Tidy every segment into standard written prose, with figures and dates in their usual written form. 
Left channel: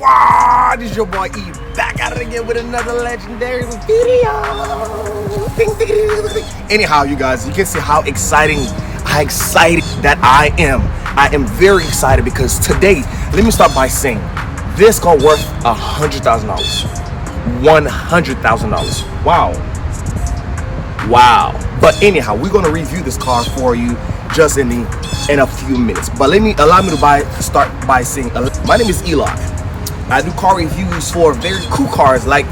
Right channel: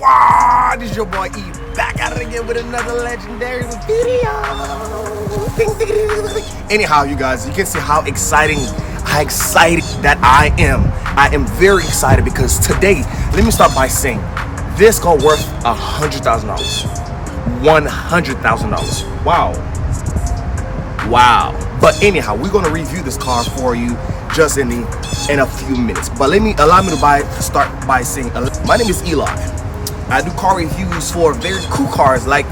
Squad, it's your boy E back at it again with another legendary video. Anyhow, you guys, you can see how excited that I am. I am very excited because today, let me start by saying this car worth $100,000. $100,000. Wow. But anyhow, we're gonna review this car for you just in a few minutes. But allow me to start by saying my name is Eli. I do car reviews for very cool cars like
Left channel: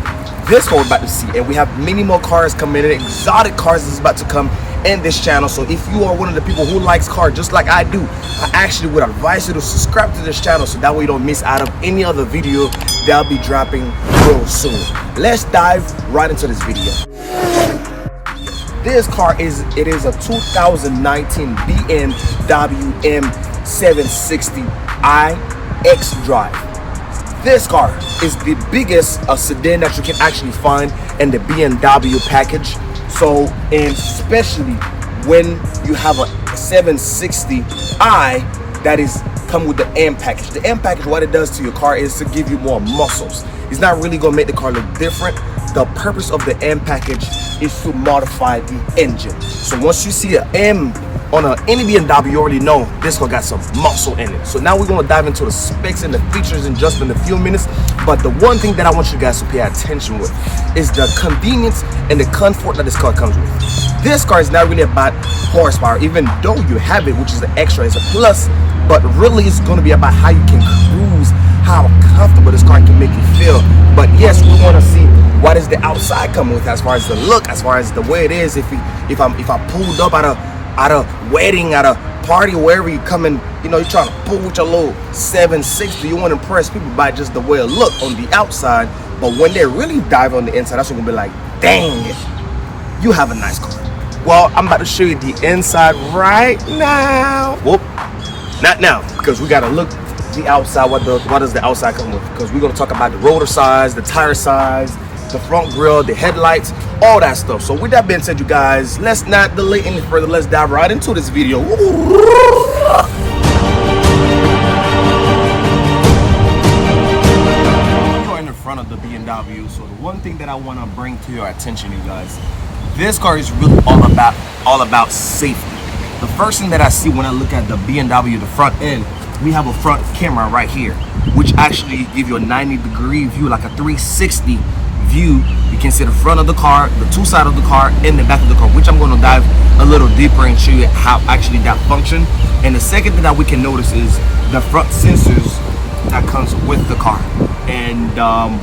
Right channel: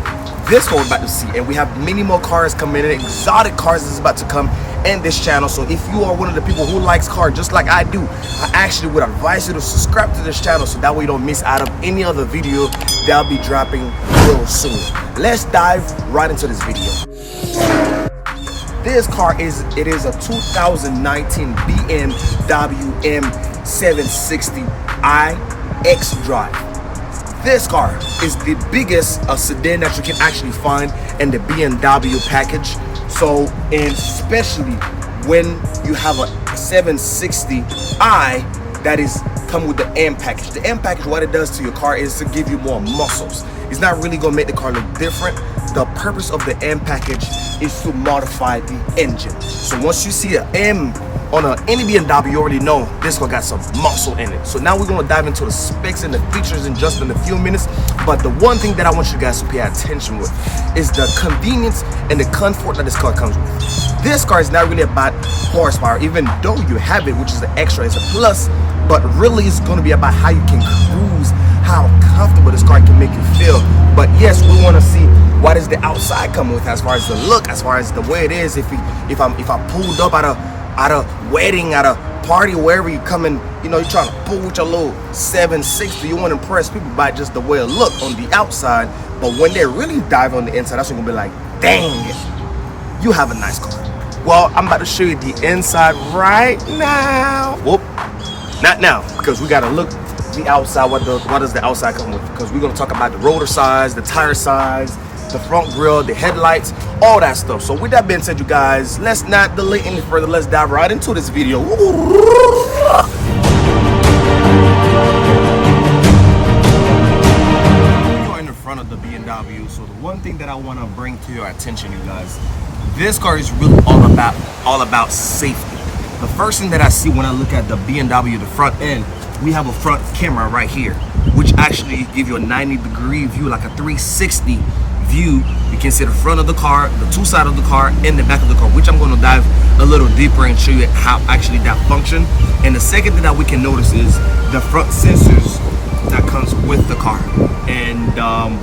this one we're about to see, and we have many more cars coming in. Exotic cars is about to come in this channel. So if you are one of the people who likes cars just like I do, I actually would advise you to subscribe to this channel so that way you don't miss out of any other video that I'll be dropping real soon. Let's dive right into this video. This car is a 2019 BMW M760i xDrive. This car is the biggest sedan that you can actually find in the BMW package. So, and especially when you have a 760i that is come with the M package. The M package, what it does to your car is to give you more muscles. It's not really gonna make the car look different. The purpose of the M package is to modify the engine. So once you see an M on any BMW, you already know this car got some muscle in it. So now we're gonna dive into the specs and the features in just in a few minutes. But the one thing that I want you guys to pay attention with is the convenience and the comfort that this car comes with. This car is not really about horsepower, even though you have it, which is an extra, it's a plus, but really it's gonna be about how you can cruise, how comfortable this car can make you feel. But yes, we wanna see what is the outside coming with as far as the look, as far as the way it is. If I pulled up at a wedding, at a party, wherever you coming, you know, you're trying to pull with your little 760, you want to impress people by just the way it look on the outside. But when they really dive on the inside, that's when you're gonna be like, dang it, you have a nice car. Well, I'm about to show you the inside right now. Whoop, not now, because we gotta look the outside. What does the outside come with? Because we're gonna talk about the rotor size, the tire size, the front grille, the headlights, all that stuff. So with that being said, you guys, let's not delay any further. Let's dive right into this video. You are in the front of the BMW. So the one thing that I want to bring to your attention, you guys, this car is really all about safety. The first thing that I see when I look at the BMW, the front end, we have a front camera right here, which actually give you a 90-degree view, like a 360 view. You can see the front of the car, the two sides of the car, and the back of the car, which I'm going to dive a little deeper and show you how actually that function. And the second thing that we can notice is the front sensors that comes with the car. And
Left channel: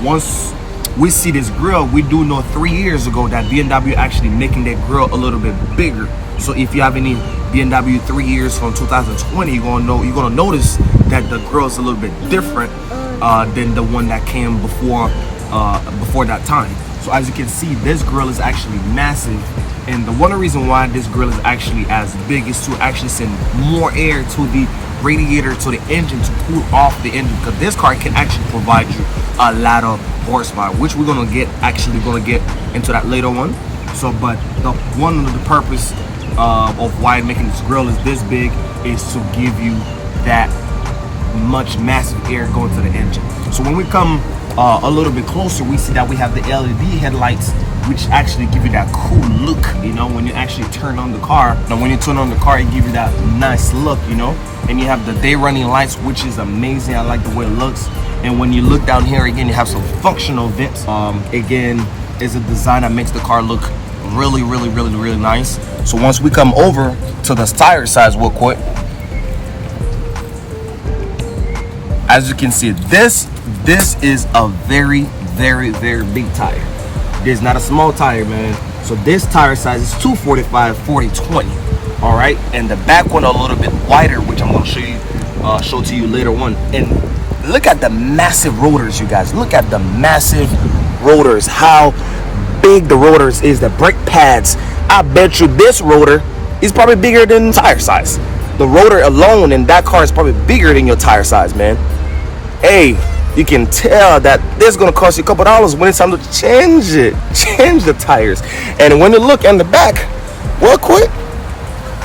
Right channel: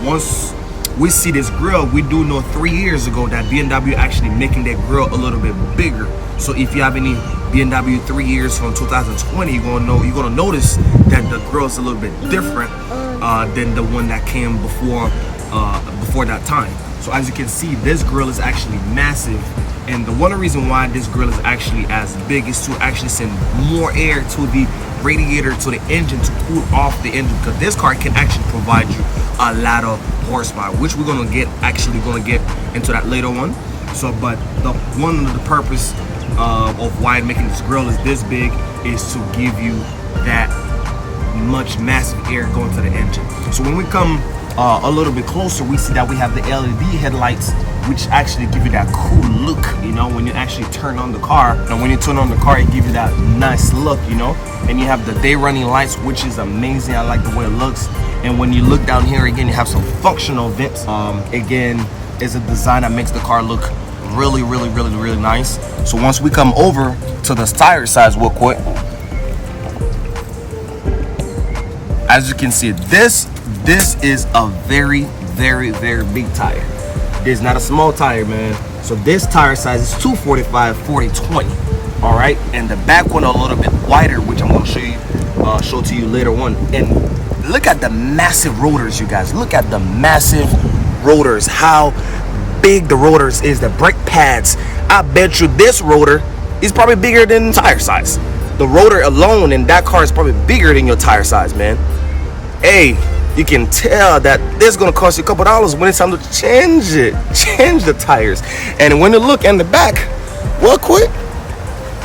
once we see this grille, we do know 3 years ago that BMW actually making that grille a little bit bigger. So if you have any BMW 3 years from 2020, you're gonna notice that the grille is a little bit different than the one that came before that time. So as you can see, this grille is actually massive, and the one reason why this grille is actually as big is to actually send more air to the radiator, to the engine, to cool off the engine, because this car can actually provide you a lot of horsepower, which we're gonna get into that later one. So but one of the purpose of why making this grille is this big is to give you that much massive air going to the engine. So when we come a little bit closer, we see that we have the LED headlights, which actually give you that cool look, you know, when you actually turn on the car. And when you turn on the car, it gives you that nice look, you know. And you have the day running lights, which is amazing. I like the way it looks. And when you look down here again, you have some functional vents. Again, it's a design that makes the car look really nice. So once we come over to the tire size real quick, as you can see, this is a very big tire. This is not a small tire, man. So this tire size is 245/40/20. All right, and the back one a little bit wider, which I'm going to show to you later on. And look at the massive rotors, you guys. Look at the massive rotors, how big the rotors is, the brake pads. I bet you this rotor is probably bigger than tire size. The rotor alone in that car is probably bigger than your tire size, man. Hey, you can tell that this is gonna cost you a couple dollars when it's time to change the tires. And when you look in the back real quick,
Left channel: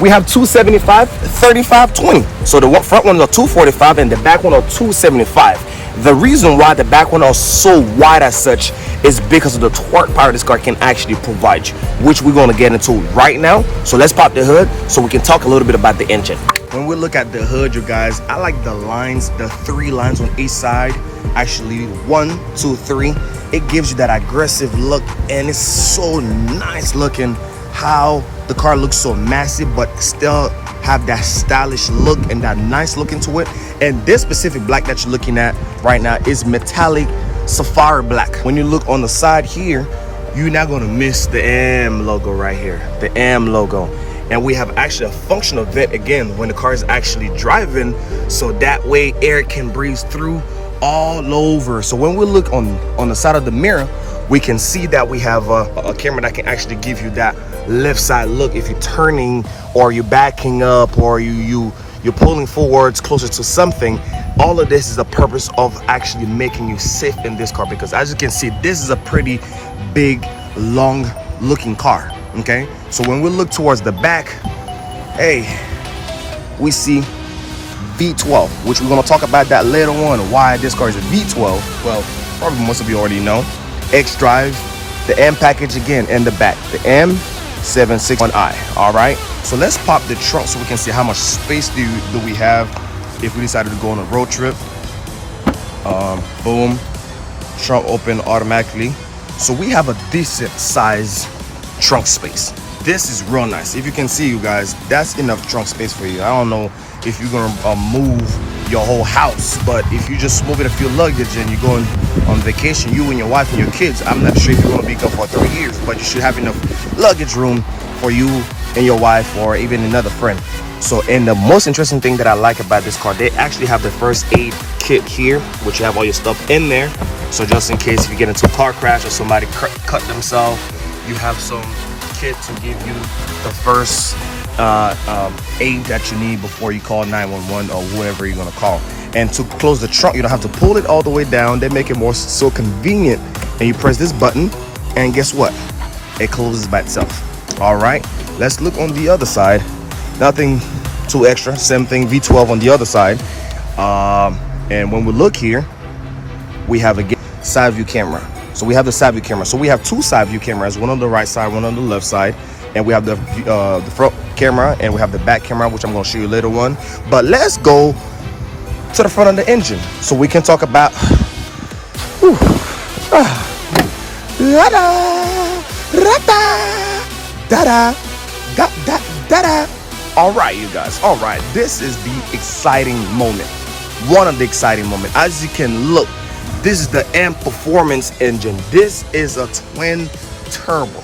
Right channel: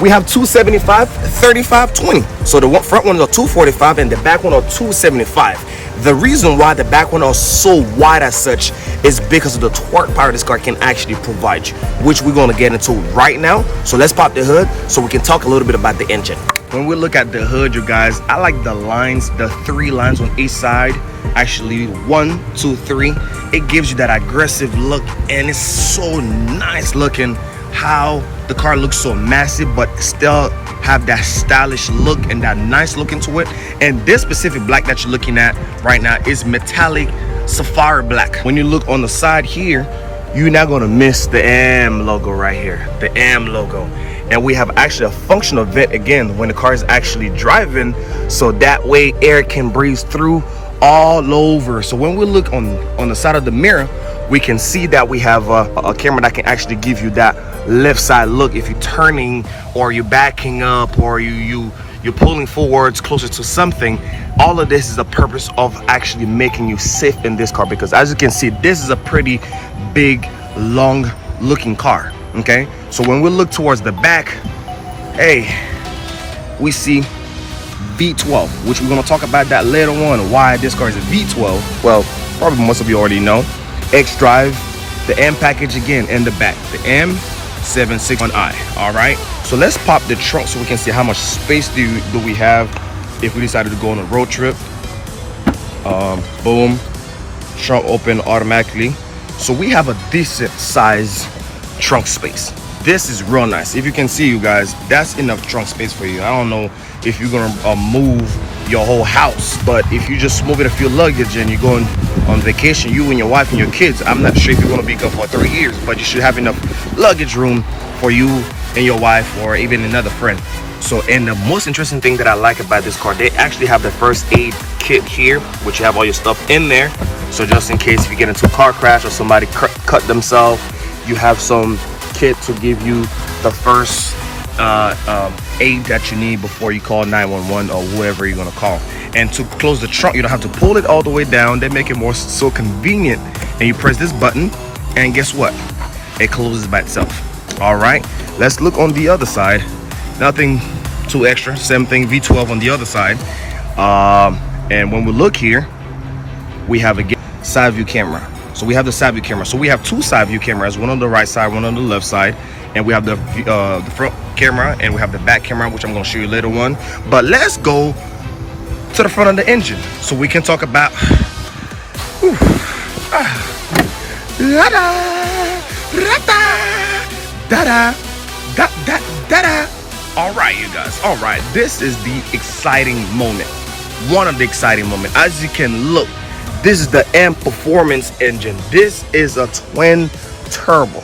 We have 275, 35, 20. So the front one is a 245 and the back one are 275. The reason why the back one are so wide as such is because of the torque power this car can actually provide you, which we're going to get into right now. So let's pop the hood so we can talk a little bit about the engine. When we look at the hood, you guys, I like the lines, the 3 lines on each side. Actually 1, 2, 3. It gives you that aggressive look, and it's so nice looking how the car looks so massive but still have that stylish look and that nice look into it. And this specific black that you're looking at right now is metallic sapphire black. When you look on the side here, you're not going to miss the M logo right here, the M logo. And we have actually a functional vent again when the car is actually driving, so that way air can breeze through all over. So when we look on the side of the mirror, we can see that we have a camera that can actually give you that left side look if you're turning or you're backing up or you're pulling forwards closer to something. All of this is the purpose of actually making you safe in this car, because as you can see, this is a pretty big, long looking car. Okay, so when we look towards the back, hey, we see V12, which we're going to talk about that later on, why this car is a V12. Well, probably most of you already know. xDrive, the M package again in the back, the M760i. All right, so let's pop the trunk so we can see how much space do we have if we decided to go on a road trip. Boom, trunk open automatically. So we have a decent size trunk space. This is real nice. If you can see, you guys, that's enough trunk space for you. I don't know if you're gonna move your whole house, but if you just moving a few luggage and you're going on vacation, you and your wife and your kids, I'm not sure if you're gonna be gone for 3 years, but you should have enough luggage room for you and your wife or even another friend. So, and the most interesting thing that I like about this car, they actually have the first aid kit here, which you have all your stuff in there. So just in case if you get into a car crash or somebody cut themselves, you have some kit to give you the first aid that you need before you call 911 or whoever you're gonna call. And to close the trunk, you don't have to pull it all the way down. They make it more so convenient, and you press this button and guess what, it closes by itself. All right, let's look on the other side. Nothing too extra, same thing, V12 on the other side. And when we look here, we have a side view camera. So we have the side view camera. So we have 2 side view cameras, one on the right side, one on the left side. And we have the front camera and we have the back camera, which I'm going to show you later on. But let's go to the front of the engine so we can talk about all right, you guys. All right, this is the exciting moment, one of the exciting moments. As you can look, this is the M Performance engine. This is a twin turbo.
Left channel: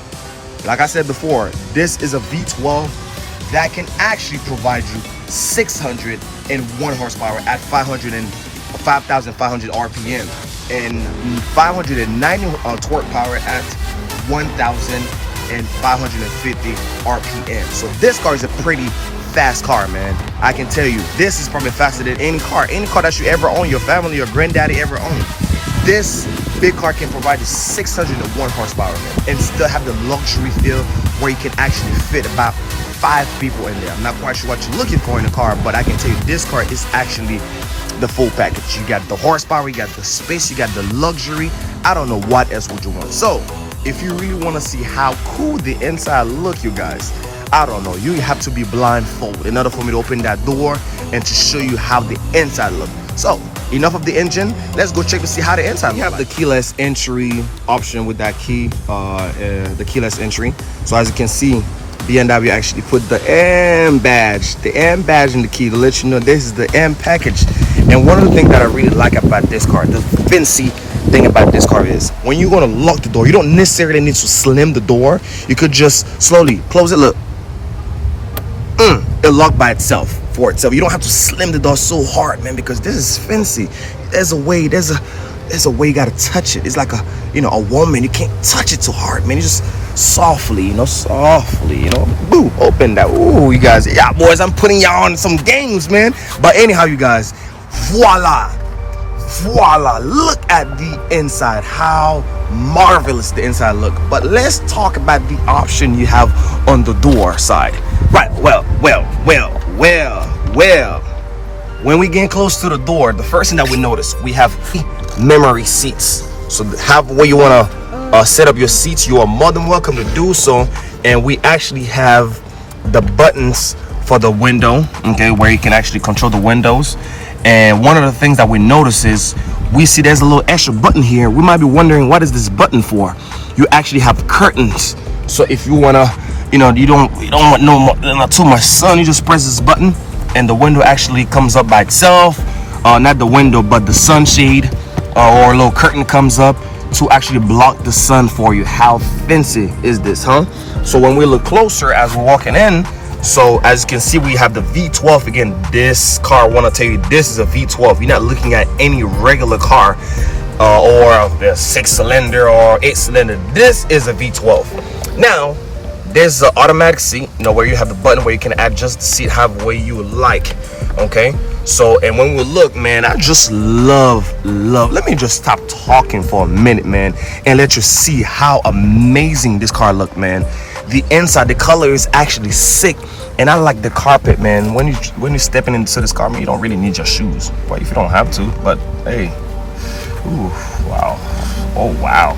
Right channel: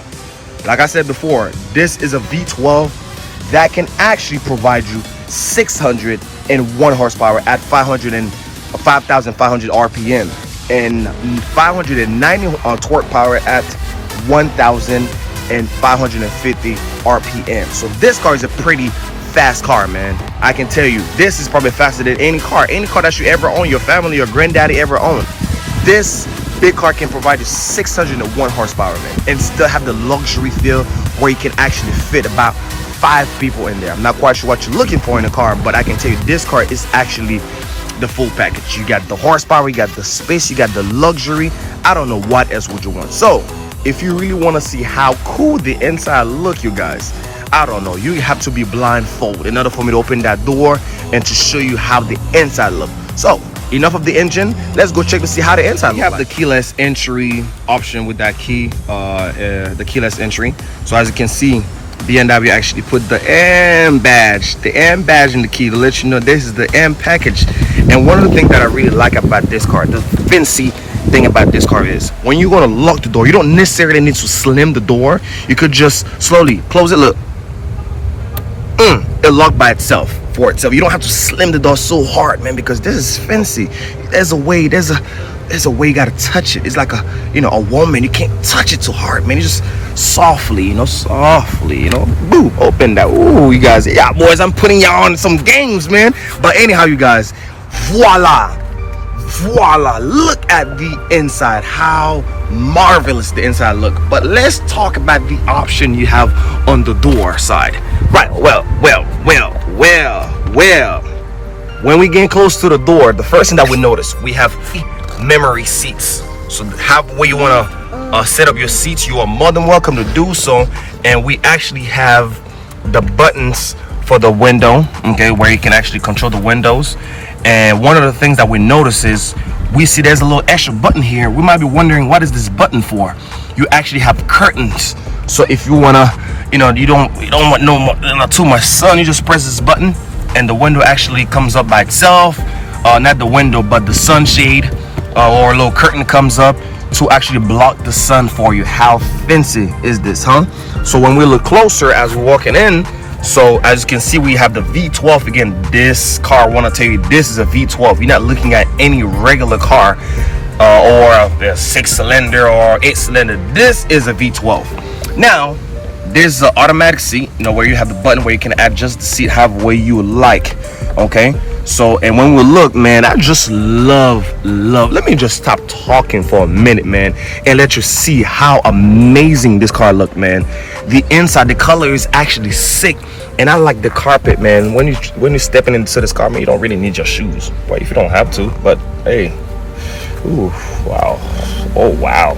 Like I said before, this is a V12 that can actually provide you 601 horsepower at 5,500 RPM and 590 torque power at 1,550 RPM. So this car is a pretty fast car, man. I can tell you, this is probably faster than any car that you ever own, your family or granddaddy ever owned. This big car can provide you 601 horsepower, man, and still have the luxury feel where you can actually fit about 5 people in there. I'm not quite sure what you're looking for in a car, but I can tell you this car is actually the full package. You got the horsepower, you got the space, you got the luxury. I don't know what else would you want. So if you really want to see how cool the inside look, you guys, I don't know, you have to be blindfolded in order for me to open that door and to show you how the inside look. So enough of the engine, let's go check to see how the inside looks. You have the keyless entry option with that key, the keyless entry. So as you can see, BMW actually put the M badge in the key to let you know this is the M package. And one of the things that I really like about this car, the fancy thing about this car is when you're going to lock the door, you don't necessarily need to slam the door. You could just slowly close it. Look, it'll lock by itself for itself. You don't have to slam the door so hard, man, because this is fancy. There's a way you gotta touch it. It's like a woman, you can't touch it too hard, man. You just softly, boom, open that. Ooh, you guys, yeah, boys, I'm putting y'all on some games, man. But anyhow, you guys, voila, look at the inside, how marvelous the inside look. But let's talk about the option you have on the door side. Right, well. When we get close to the door, the first thing that we notice, we have memory seats. So however you want to set up your seats, you are more than welcome to do so. And we actually have the buttons for the window, okay, where you can actually control the windows. And one of the things that we notice is we see there's a little extra button here. We might be wondering, what is this button for? You actually have curtains. So if you wanna, you don't want not too much sun, you just press this button and the window actually comes up by itself. Not the window, but the sunshade or a little curtain comes up to actually block the sun for you. How fancy is this, huh? So when we look closer as we're walking in, so as you can see, we have the V12. Again, this car, I want to tell you, this is a V12. You're not looking at any regular car or a 6-cylinder or 8-cylinder. This is a V12. Now, there's the automatic seat, where you have the button where you can adjust the seat however way you like. Okay, so and when we look, man, I just love. Let me just stop talking for a minute, man, and let you see how amazing this car look, man. The inside, the color is actually sick, and I like the carpet, man. When you're stepping into this car, man, you don't really need your shoes, but if you don't have to, but hey, ooh, wow, oh wow.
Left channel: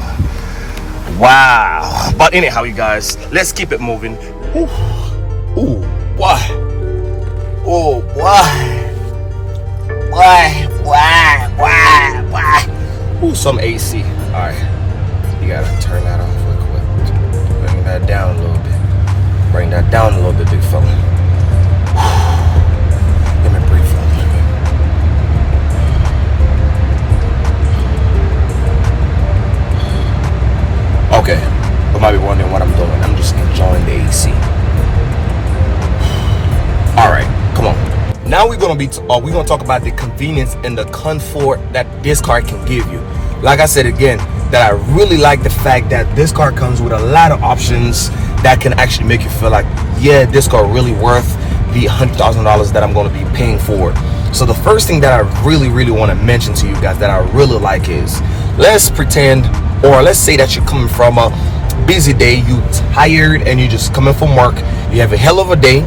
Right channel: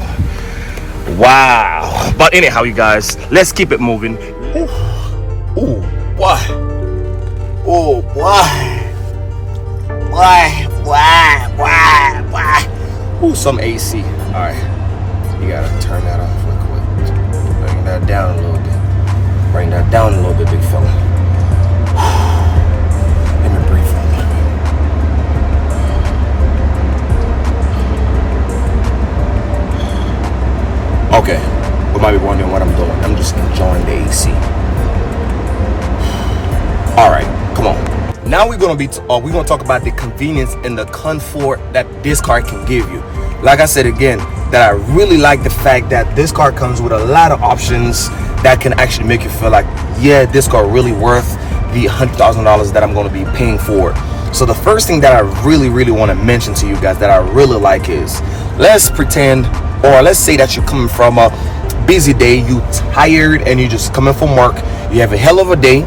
But anyhow, you guys, let's keep it moving. Ooh, why? Oh, why? Ooh, some AC. All right, you gotta turn that off real quick. Bring that down a little bit. Bring that down a little bit, big fella. Let me breathe for a minute. Okay, you might be wondering what I'm doing. I'm just enjoying the AC. All right, come on. Now we're gonna talk about the convenience and the comfort that this car can give you. Like I said again, that I really like the fact that this car comes with a lot of options that can actually make you feel like, yeah, this car really worth the $100,000 that I'm going to be paying for. So the first thing that I really want to mention to you guys that I really like is, let's pretend, or let's say that you're coming from a busy day, you tired and you're just coming from work, you have a hell of a day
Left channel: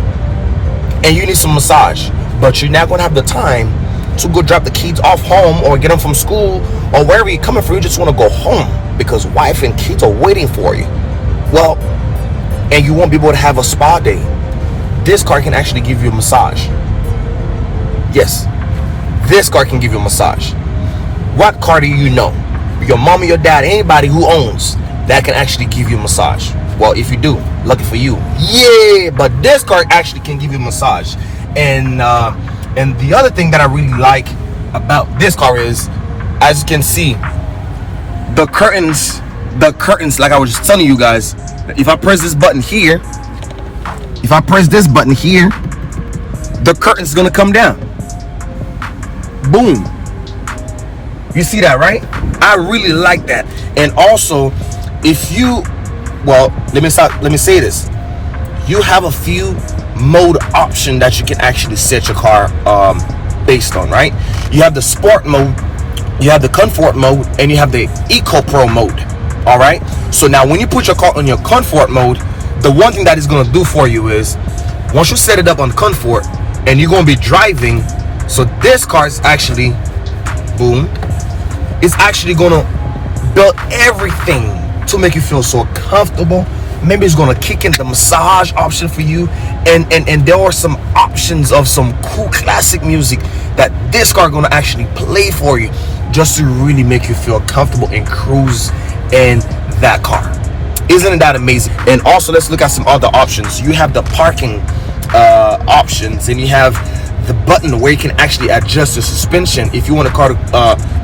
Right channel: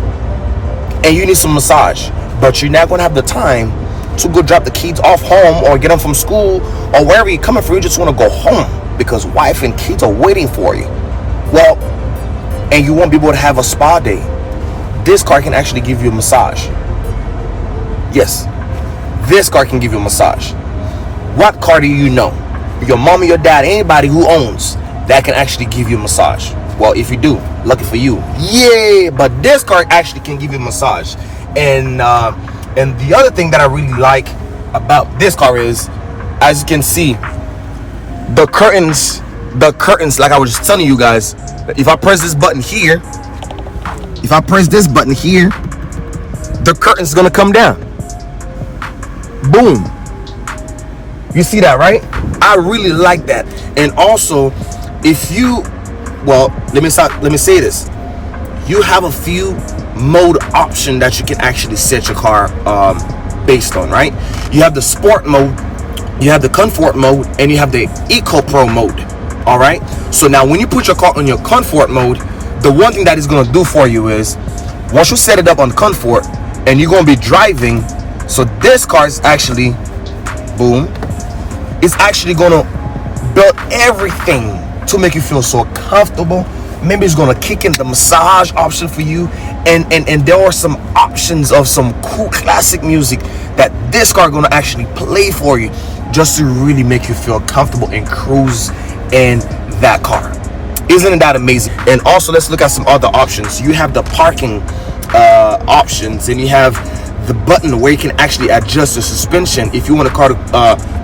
and you need some massage, but you're not going to have the time to go drop the kids off home or get them from school or wherever you're coming from. You just want to go home because wife and kids are waiting for you. Well, and you won't be able to have a spa day. This car can actually give you a massage. Yes, this car can give you a massage. What car do you know? Your mom or your dad, anybody who owns, that can actually give you a massage? Well, if you do, lucky for you. Yeah, but this car actually can give you a massage. And the other thing that I really like about this car is, as you can see, the curtains, like I was just telling you guys, if I press this button here, the curtain's gonna come down. Boom. You see that, right? I really like that. And also, if you, well, let me say this. You have a few mode option that you can actually set your car based on, right? You have the sport mode, you have the comfort mode, and you have the eco pro mode. All right, so now when you put your car on your comfort mode, the one thing that it's going to do for you is, once you set it up on comfort and you're going to be driving, so this car is actually, boom, it's actually going to build everything to make you feel so comfortable. Maybe it's going to kick in the massage option for you, and there are some options of some cool classic music that this car going to actually play for you, just to really make you feel comfortable and cruise in that car. Isn't that amazing? And also, let's look at some other options. You have the parking options, and you have the button where you can actually adjust the suspension. If you want the car to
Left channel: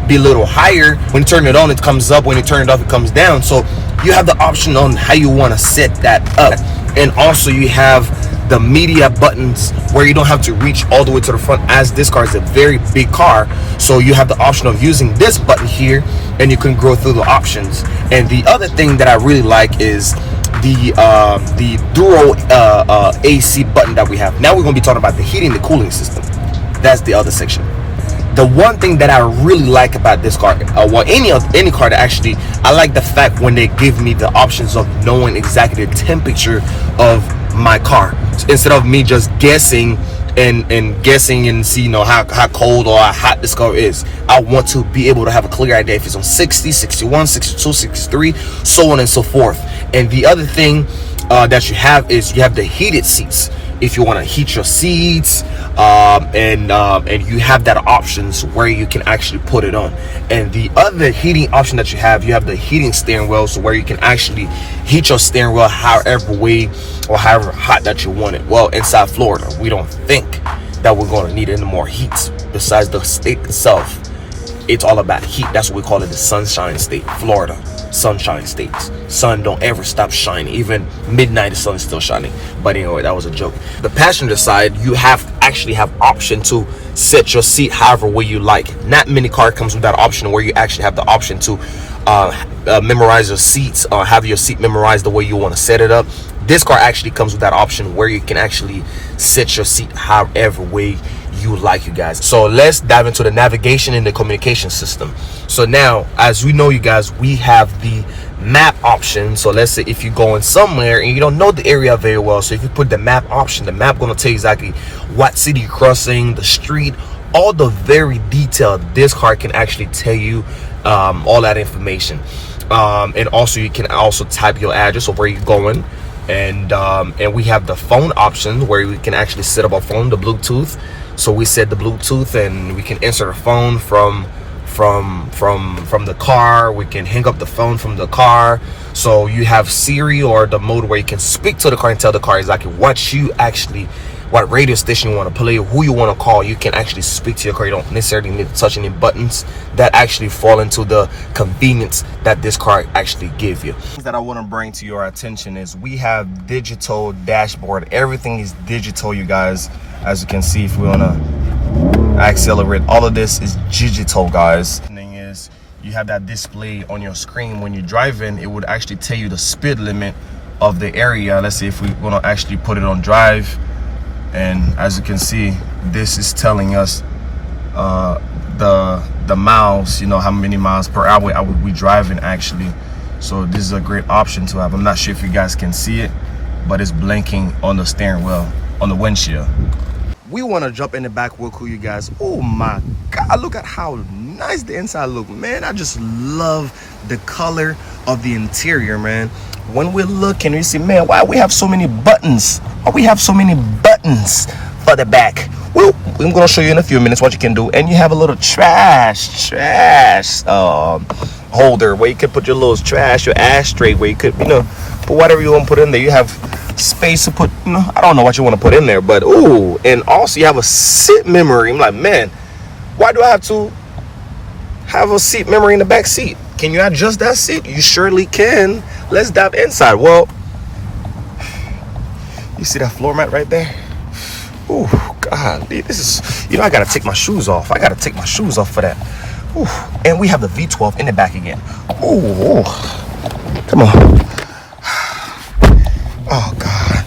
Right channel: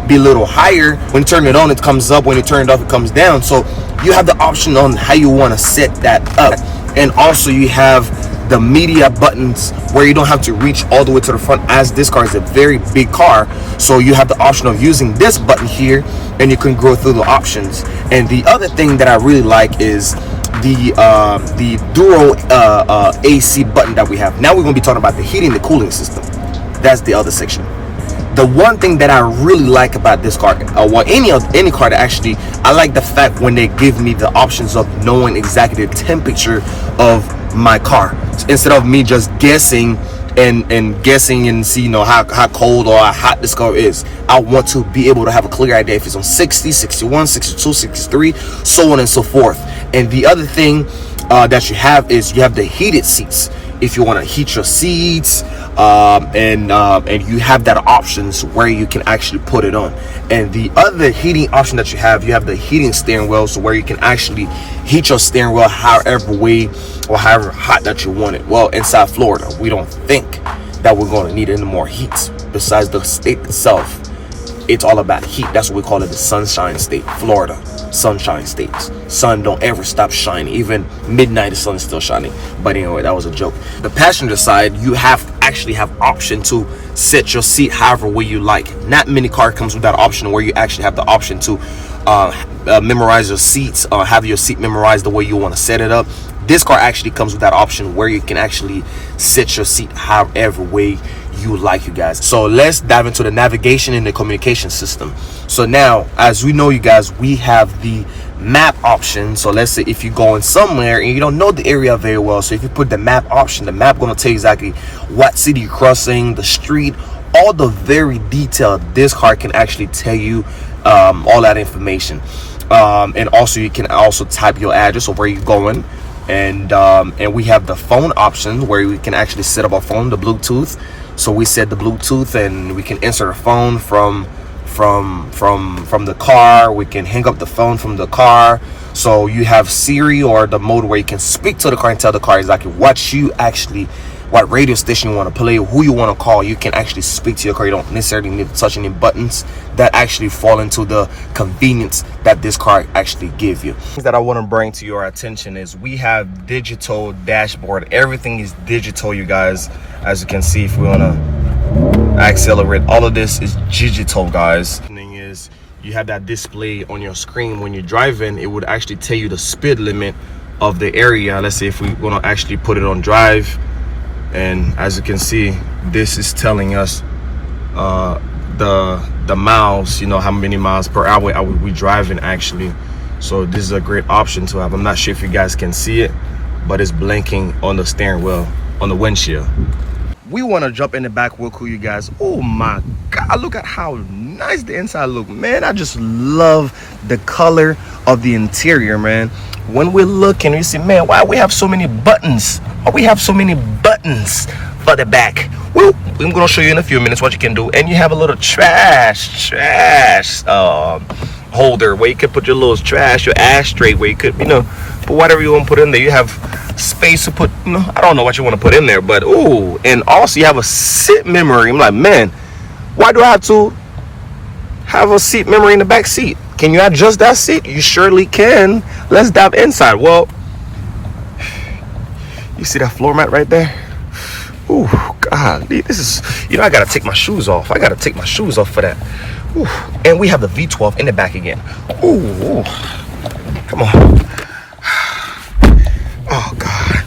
be a little higher, when you turn it on, it comes up. When you turn it off, it comes down. So you have the option on how you want to set that up. And also, you have the media buttons where you don't have to reach all the way to the front, as this car is a very big car. So you have the option of using this button here, and you can go through the options. And the other thing that I really like is the dual AC button that we have. Now we're going to be talking about the heating, the cooling system. That's the other section. The one thing that I really like about this car, well, any car that actually, I like the fact when they give me the options of knowing exactly the temperature of my car. instead of me just guessing and guessing and see, you know, how cold or how hot this car is. I want to be able to have a clear idea if it's on 60, 61, 62, 63, so on and so forth. And the other thing that you have is you have the heated seats. If you want to heat your seats, and you have that options where you can actually put it on. And the other heating option that you have the heating steering wheel, so where you can actually heat your steering wheel however way or however hot that you want it. Well, inside Florida, we don't think that we're going to need any more heat. Besides the state itself, it's all about heat. That's what we call it, the sunshine state. Florida, sunshine states. Sun don't ever stop shining. Even midnight, the sun is still shining. But anyway, that was a joke. The passenger side, you actually have option to set your seat however way you like. Not many car comes with that option where you actually have the option to memorize your seats, have your seat memorized the way you want to set it up. This car actually comes with that option where you can actually set your seat however way you like, you guys. So let's dive into the navigation and the communication system. So now, as we know, you guys, we have the map option. So let's say if you're going somewhere and you don't know the area very well, so if you put the map option, the map gonna tell you exactly what city you're crossing, the street, all the very detailed. This car can actually tell you all that information. And also you can also type your address of where you're going. And we have the phone option where we can actually set up our phone, the Bluetooth. So we set the Bluetooth and we can answer the phone from the car. We can hang up the phone from the car. So you have Siri, or the mode where you can speak to the car and tell the car exactly what radio station you want to play, who you want to call. You can actually speak to your car. You don't necessarily need to touch any buttons. That actually fall into the convenience that this car actually give you. Things that I want to bring to your attention is we have digital dashboard. Everything is digital, you guys. As you can see, if we want to accelerate, all of this is digital, guys. The thing is, you have that display on your screen when you're driving. It would actually tell you the speed limit of the area. Let's say if we want to actually put it on drive, and as you can see, this is telling us the miles, you know, how many miles per hour I would be driving actually. So this is a great option to have. I'm not sure if you guys can see it, but it's blinking on the steering wheel, on the windshield. We want to jump in the back real quick, you guys. Oh my God, look at how nice the inside look, man. I just love the color of the interior, man. When we're looking, we see, man, why we have so many buttons? Why we have so many buttons for the back? Well, I'm gonna show you in a few minutes what you can do. And you have a little trash holder where you could put your little trash, your ashtray, where you could, you know, put whatever you want to put in there. You have space to put, you know, I don't know what you want to put in there, but ooh. And also you have a seat memory. I'm like, man, why do I have to have a seat memory in the back seat? Can you adjust that seat? You surely can. Let's dive inside. Well, you see that floor mat right there? Ooh, God, this is, you know, I gotta take my shoes off. I gotta take my shoes off for that. Ooh, and we have the V12 in the back again. Ooh, come on. Oh God.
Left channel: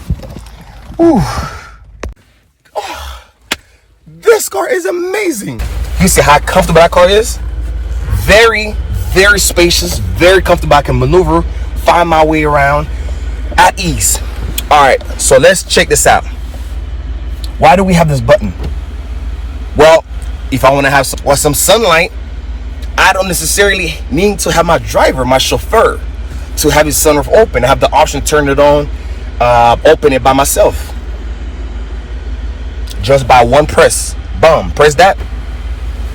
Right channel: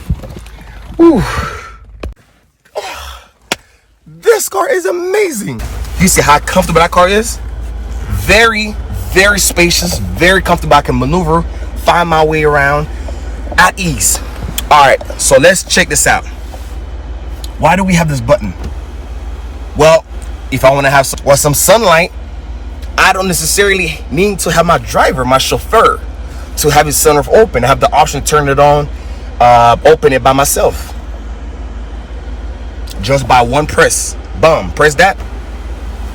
Ooh. Oh, this car is amazing. You see how comfortable that car is? Very, very spacious, very comfortable. I can maneuver, find my way around at ease. All right, so let's check this out. Why do we have this button? Well, if I want to have some sunlight, I don't necessarily need to have my driver, my chauffeur, to have his sunroof open. I have the option to turn it on, open it by myself. Just by one press. Boom, press that,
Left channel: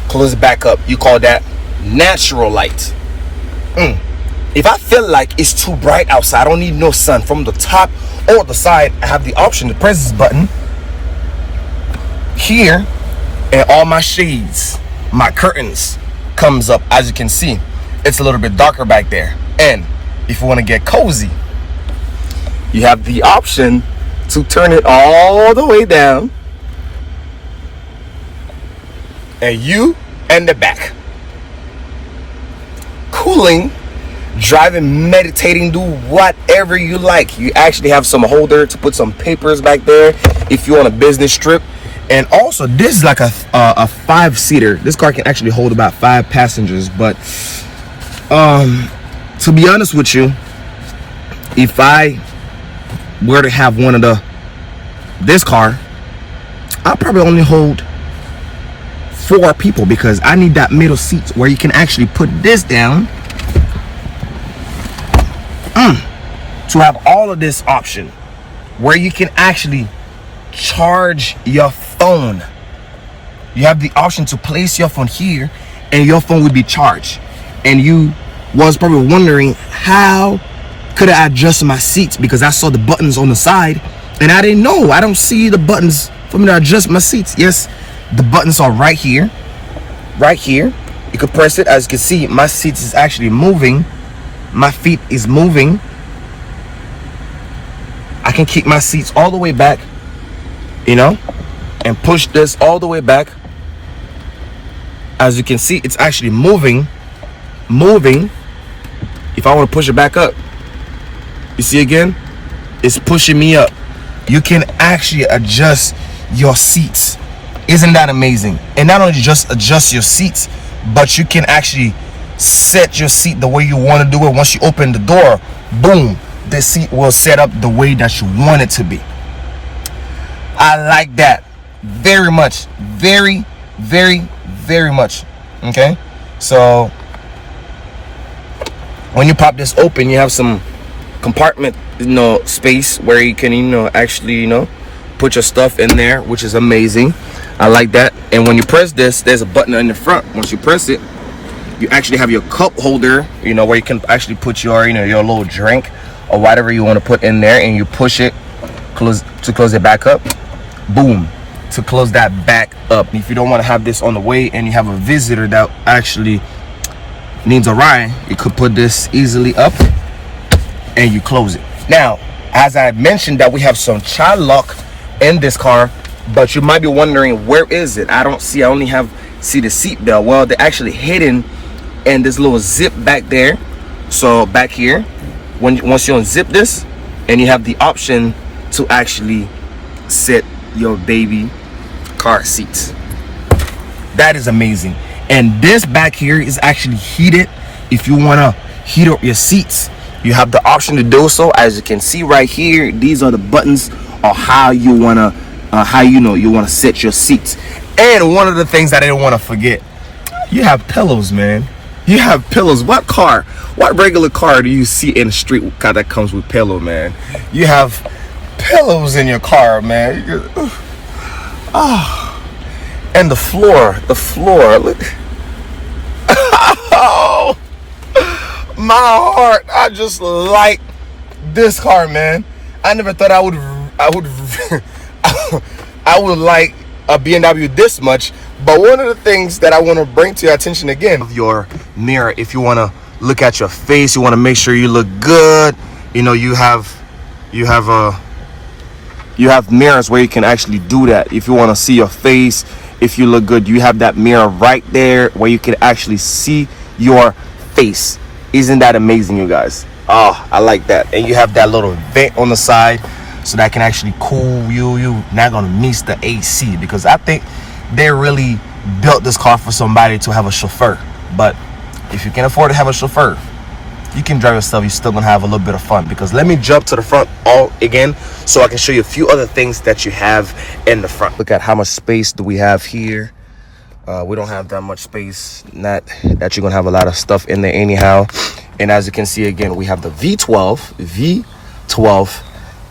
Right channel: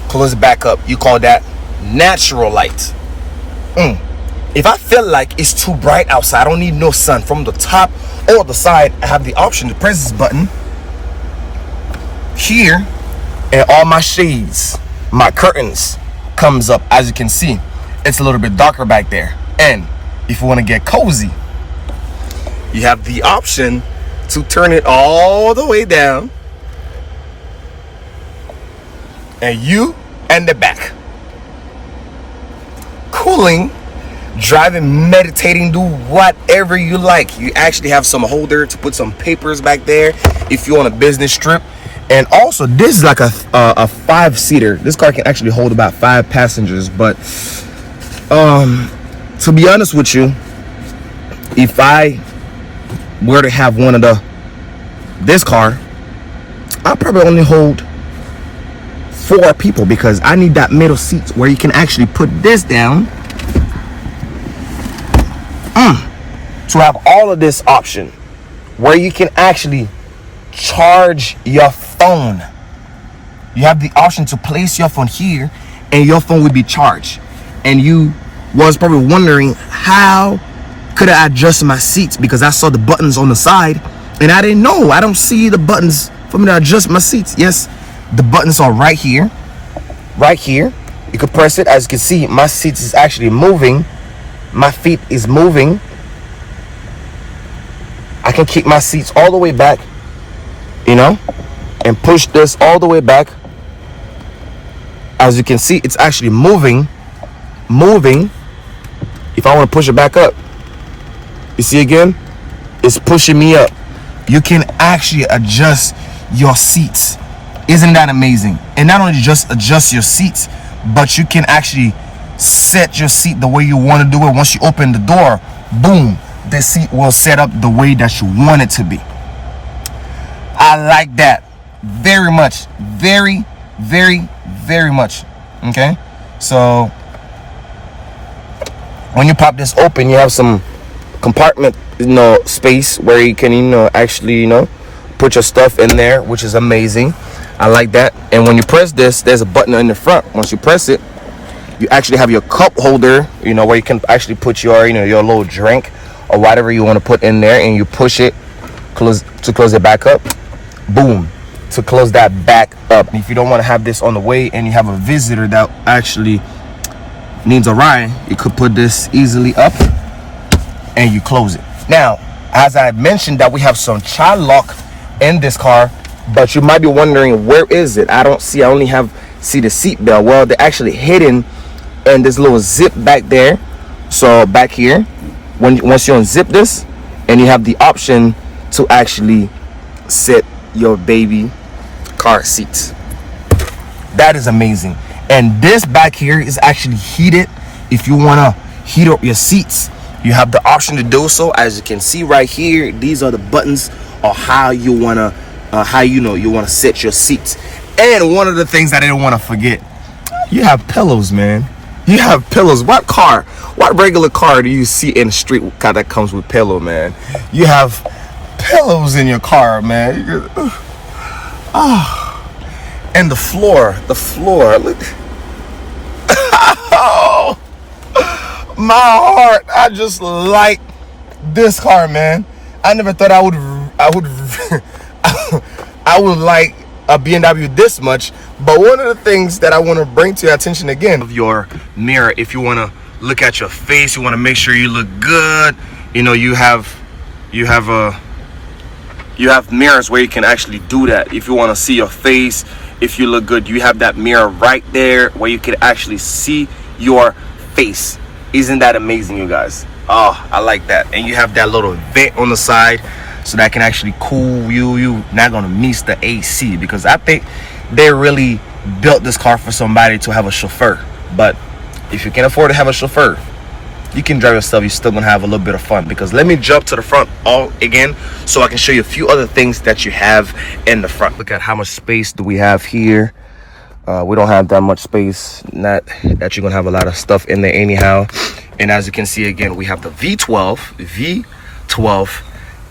close it back up. You call that natural light. If I feel like it's too bright outside, I don't need no sun from the top or the side, I have the option to press this button here, and all my shades, my curtains comes up. As you can see, it's a little bit darker back there. And if you want to get cozy, you have the option to turn it all the way down, and you and the back cooling, driving, meditating, do whatever you like. You actually have some holder to put some papers back there if you're on a business trip. And also, this is like a 5-seater. This car can actually hold about 5 passengers. But to be honest with you, if I were to have one of the this car, I'll probably only hold 4 people, because I need that middle seat where you can actually put this down to have all of this option where you can actually charge your phone. You have the option to place your phone here and your phone will be charged. And you was probably wondering, how could I adjust my seats? Because I saw the buttons on the side and I didn't know. I don't see the buttons for me to adjust my seats. Yes, the buttons are right here. Right here. You can press it. As you can see, my seats is actually moving. My feet is moving. I can keep my seats all the way back, you know, and push this all the way back. As you can see, it's actually moving. If I want to push it back up, you see again, it's pushing me up. You can actually adjust your seats. Isn't that amazing? And not only just adjust your seats, but you can actually set your seat the way you want to do it. Once you open the door, boom, the seat will set up the way that you want it to be. I like that very much. Very, very, very much. Okay, so when you pop this open, you have some compartment, space where you can, actually, put your stuff in there, which is amazing. I like that. And when you press this, there's a button in the front. Once you press it, you actually have your cup holder, where you can actually put your, your little drink or whatever you want to put in there, and you push it to close it back up. Boom, to close that back up. If you don't want to have this on the way and you have a visitor that actually needs a ride, you could put this easily up and you close it. Now, as I mentioned, that we have some child lock in this car, but you might be wondering, where is it? I only see the seat belt. Well, they're actually hidden in this little zip back there. So back here, once you unzip this, and you have the option to actually set your baby car seats. That is amazing. And this back here is actually heated. If you want to heat up your seats, you have the option to do so. As you can see right here, these are the buttons of how you want to set your seats. And one of the things that I didn't want to forget, you have pillows, man. You have pillows. What regular car do you see in the street car that comes with pillow, man? You have pillows in your car, man. And the floor, look. Oh, my heart. I just like this car, man. I never thought I would I would like a BMW this much. But one of the things that I want to bring to your attention again, of your mirror, if you want to look at your face, you want to make sure you look good, you have mirrors where you can actually do that. If you want to see your face, if you look good, you have that mirror right there where you can actually see your face. Isn't that amazing, you guys? Oh, I like that. And you have that little vent on the side, so that can actually cool you. You're not gonna miss the AC, because I think they really built this car for somebody to have a chauffeur. But if you can afford to have a chauffeur, you can drive yourself. You're still gonna have a little bit of fun. Because let me jump to the front all again, so I can show you a few other things that you have in the front. Look at how much space do we have here. We don't have that much space. Not that you're gonna have a lot of stuff in there anyhow. And as you can see again, we have the V12.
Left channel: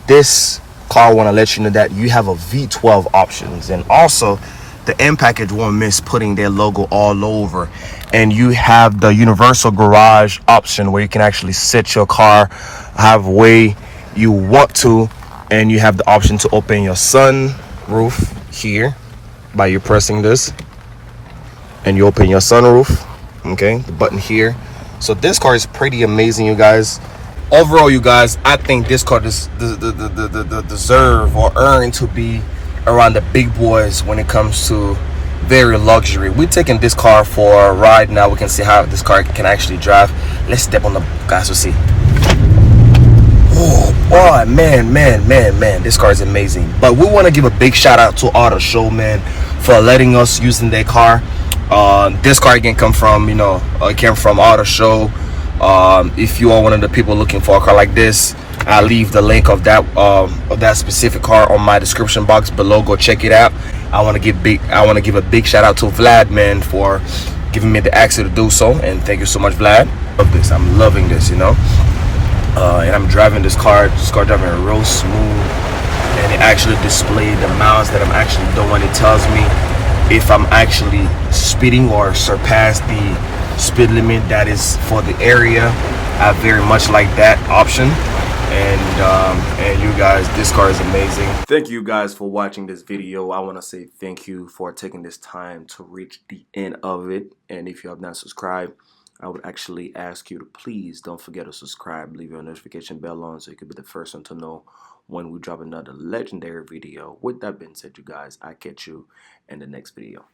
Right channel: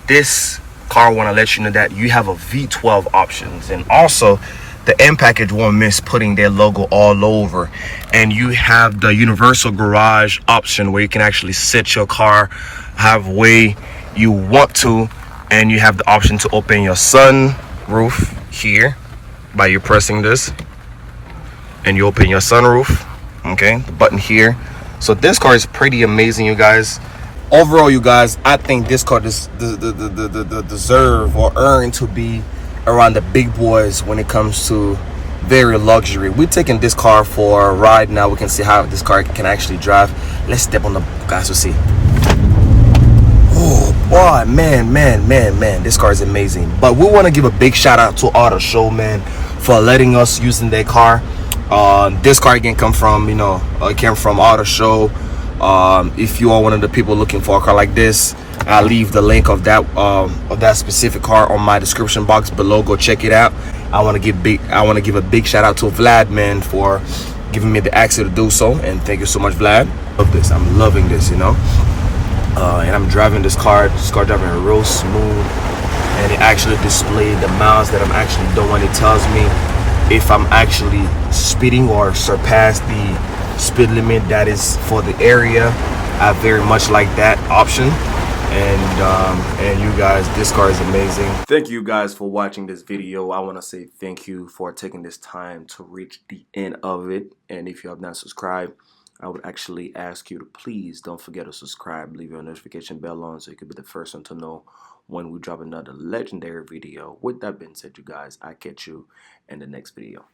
This car want to let you know that you have a V12 options, and also the M package won't miss putting their logo all over. And you have the universal garage option, where you can actually set your car however way you want to, and you have the option to open your sun roof here by you pressing this, and you open your sunroof. Okay, the button here. So this car is pretty amazing, you guys. Overall, you guys, I think this car deserve or earn to be around the big boys when it comes to very luxury. We're taking this car for a ride now. We can see how this car can actually drive. Let's step on the gas to see. Oh boy, man, this car is amazing. But we want to give a big shout out to Auto Show, man, for letting us using their car. This car again came from Auto Show. If you are one of the people looking for a car like this, I'll leave the link of that specific car on my description box below. Go check it out. I want to give a big shout out to Vlad, man, for giving me the access to do so, and thank you so much, Vlad. Love this. I'm loving this, you know. And I'm driving this car driving real smooth, and it actually displayed the miles that I'm actually doing. It tells me if I'm actually speeding or surpass the speed limit that is for the area. I very much like that option. And you guys, this car is amazing. Thank you guys for watching this video. I want to say thank you for taking this time to reach the end of it. And if you have not subscribed, I would actually ask you to please don't forget to subscribe, leave your notification bell on so you could be the first one to know when we drop another legendary video. With that being said, you guys, I catch you in the next video.